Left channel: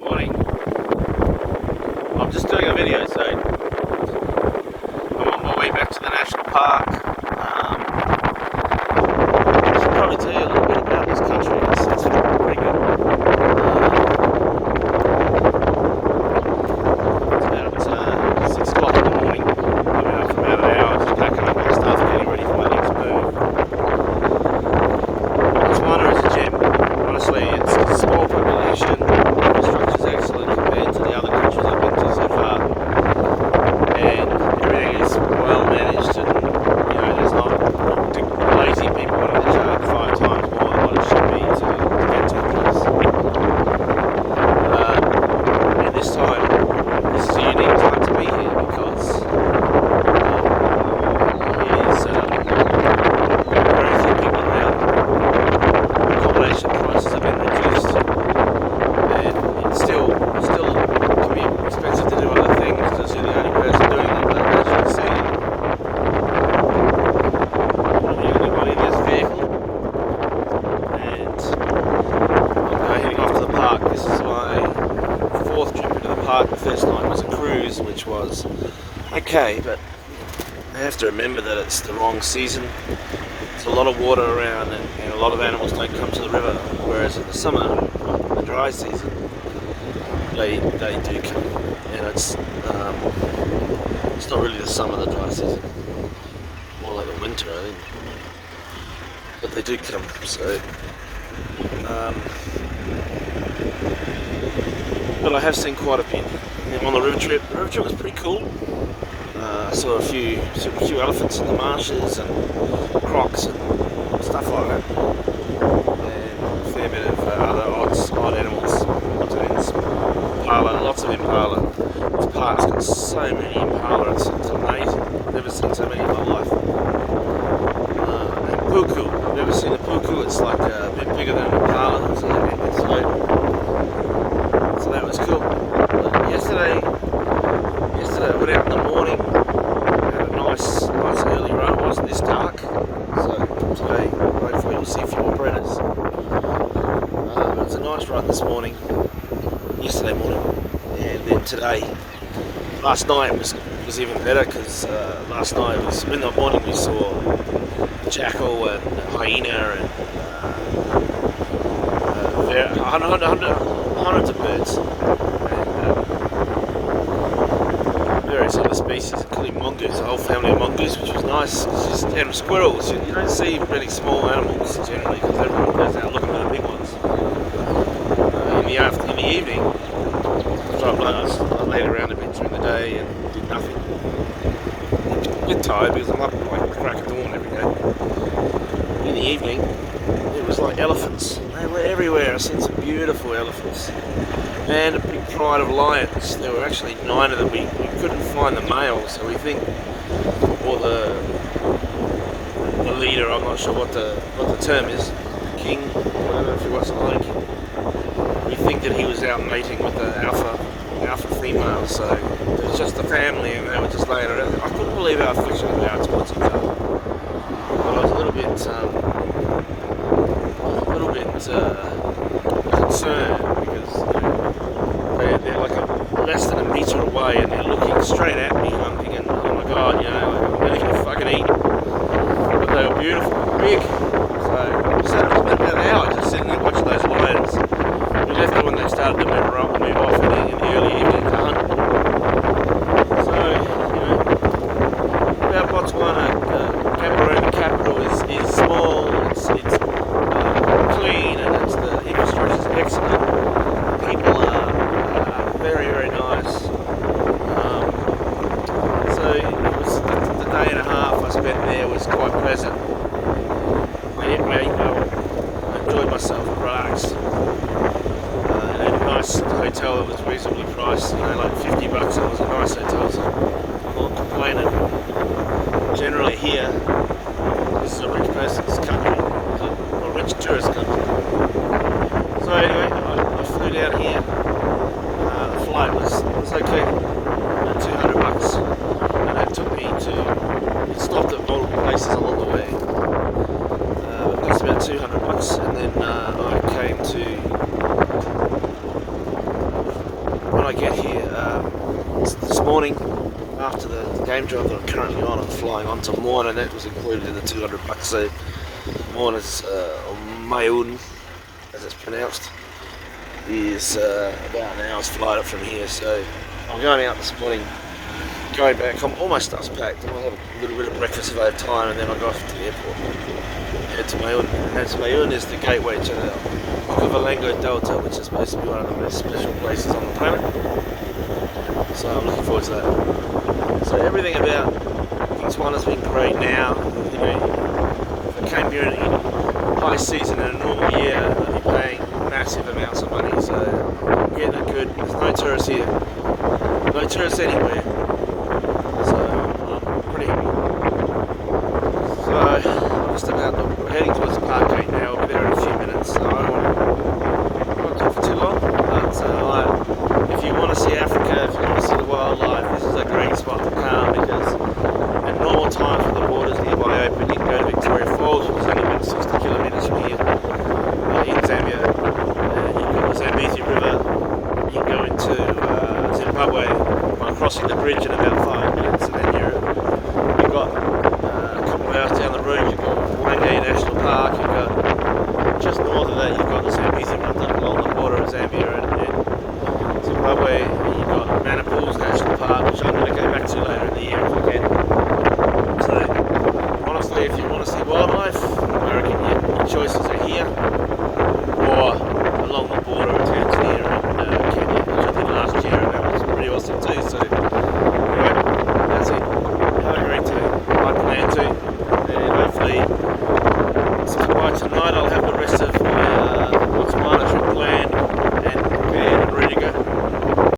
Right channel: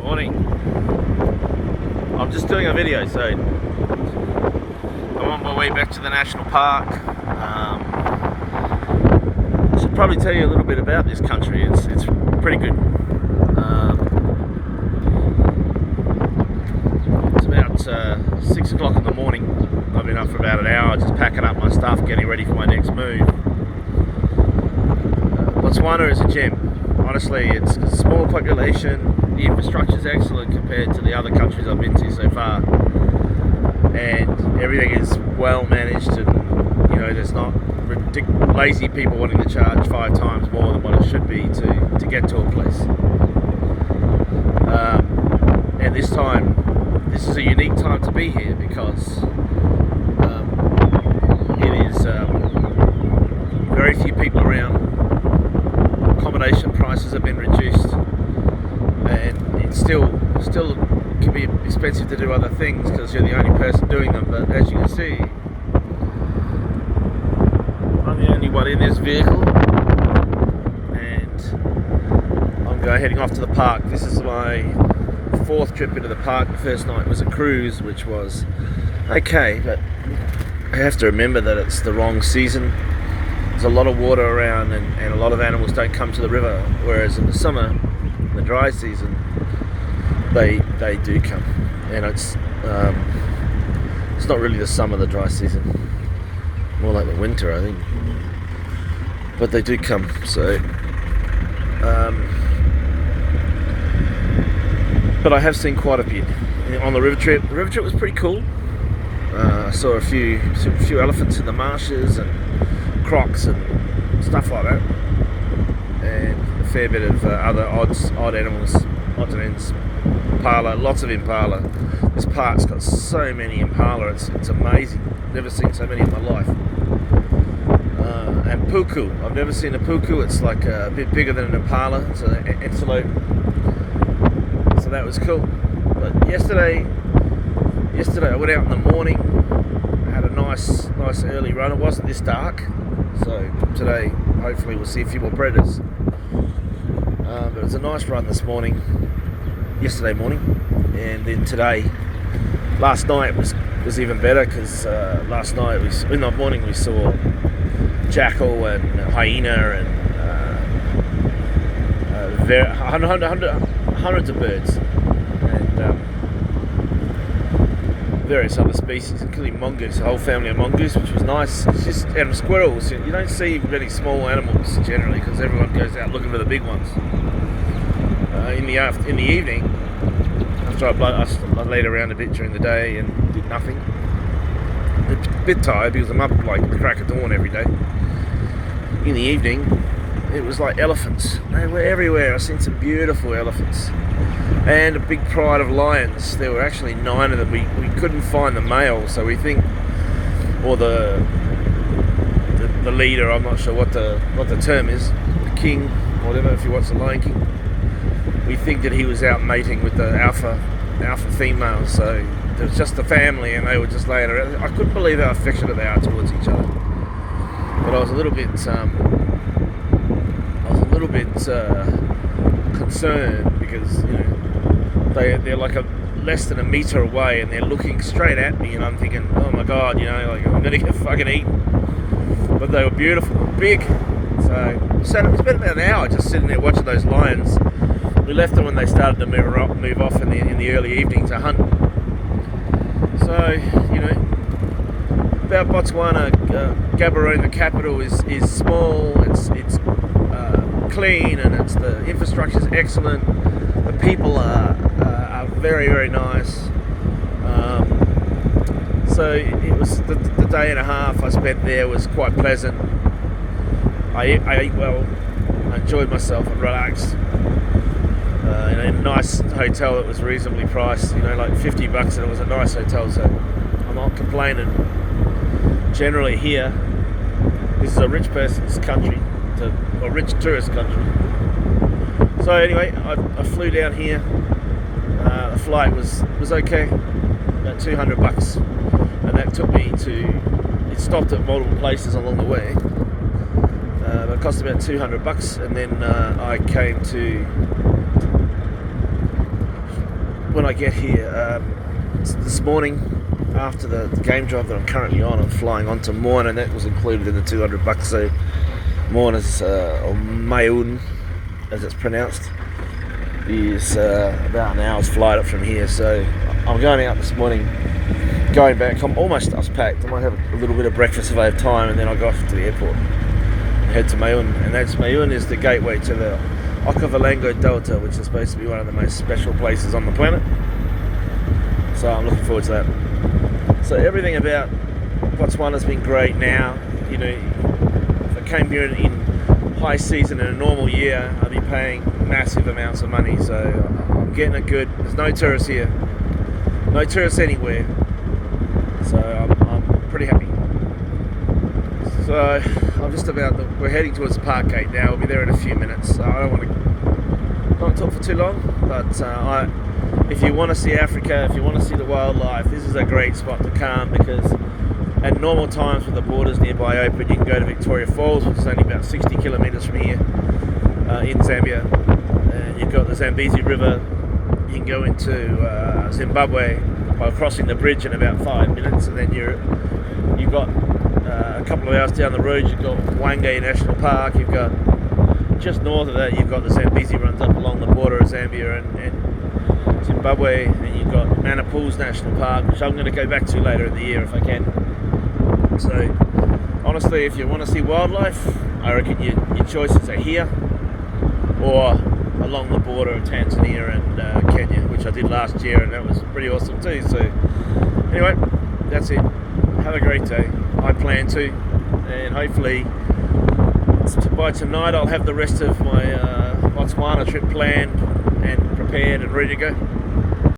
Morning. I'm just doing a video, so I'm on my way back to the national park. I should probably tell you a little bit about this country. It's pretty good. It's about 6 o'clock in the morning. I've been up for about an hour just packing up my stuff, getting ready for my next move. Botswana is a gem. Honestly, it's a small population. The infrastructure is excellent compared to the other countries I've been to so far, and everything is well managed. And there's not lazy people wanting to charge 5 times more than what it should be to get to a place. And this is a unique time to be here because it is very few people around. Accommodation prices have been reduced, and it still can be expensive to do other things because you're the only person doing them. But as you can see, I'm the only one in this vehicle, and I'm heading off to the park. This is my 4th trip into the park. The first night was a cruise, which was okay, but I have to remember that it's the wrong season. There's a lot of water around, and a lot of animals don't come to the river, whereas in the summer, the dry season, they do come. And it's not really the summer, the dry season, more like the winter, I think. But they do come. So but I have seen quite a bit on the river trip. The river trip was pretty cool. I saw a few elephants in the marshes and crocs and stuff like that, and a fair bit of other odd animals, odds and ends. Impala, lots of impala. This park's got so many impala, it's amazing. I've never seen so many in my life. And puku, I've never seen a puku. It's like a bit bigger than an impala. It's an antelope. So that was cool. But yesterday I went out in the morning, had a nice early run. It wasn't this dark, so today hopefully we'll see a few more predators. But it was a nice run yesterday morning, and then today. Last night was even better because last night in the morning we saw jackal and hyena and hundreds of birds. Various other species, including mongoose, a whole family of mongoose, which was nice. And squirrels. You don't see really small animals generally because everyone goes out looking for the big ones. In the evening, after I laid around a bit during the day and did nothing. A bit tired because I'm up like the crack of dawn every day. In the evening, it was like elephants. They were everywhere. I've seen some beautiful elephants. And a big pride of lions. There were actually 9 of them. We couldn't find the male, so we think, or the leader. I'm not sure what the term is. The king, or whatever. If you watch the Lion King, we think that he was out mating with the alpha female. So it was just the family, and they were just laying around. I couldn't believe how affectionate they are towards each other. But I was a little bit concerned because they're like less than a metre away and they're looking straight at me, and I'm thinking, oh my god, like I'm gonna get fucking eaten. But they were beautiful, big. So we spent about an hour just sitting there watching those lions. We left them when they started to move off in the early evening to hunt. So about Botswana, Gaborone, the capital, is small. It's clean, and the infrastructure is excellent. The people are very, very nice. So it was the day and a half I spent there was quite pleasant. I ate well. I enjoyed myself and relaxed. In a nice hotel that was reasonably priced, like $50, and it was a nice hotel, so I'm not complaining. Generally here, this is a rich person's country, a rich tourist country. So anyway, I flew down here. The flight was okay, about $200, and that took me to. It stopped at multiple places along the way. It cost about $200, and then I came to I get here? This morning, after the game drive that I'm currently on, I'm flying on to Moana. That was included in the $200. So Moana's, or Maun, as it's pronounced, is about an hour's flight up from here. So I'm going out this morning, going back. I'm almost stuff's packed. I might have a little bit of breakfast if I have time, and then I'll go off to the airport and head to Maun. And that's Maun is the gateway to the Okavango Delta, which is supposed to be one of the most special places on the planet. So I'm looking forward to that. So everything about Botswana's been great now. You know, if I came here in high season in a normal year, I'd be paying massive amounts of money. So I'm getting it good. There's no tourists here. No tourists anywhere. So I'm pretty happy. So we're heading towards the park gate now. We'll be there in a few minutes. So I don't want to talk for too long, but if you want to see Africa, if you want to see the wildlife, this is a great spot to come, because at normal times when the borders nearby open, you can go to Victoria Falls, which is only about 60 kilometres from here in Zambia. You've got the Zambezi River. You can go into Zimbabwe by crossing the bridge in about 5 minutes, and then you've got a couple of hours down the road, you've got Wange National Park. You've got just north of that, you've got the Zambezi runs up along the border of Zambia and Zimbabwe, and you've got Manapools National Park, which I'm going to go back to later in the year if I can. So honestly, if you want to see wildlife, I reckon your choices are here or along the border of Tanzania and Kenya, which I did last year, and that was pretty awesome too. So anyway, that's it. Have a great day. I plan to, and hopefully by tonight I'll have the rest of my Botswana trip planned and prepared and ready to go.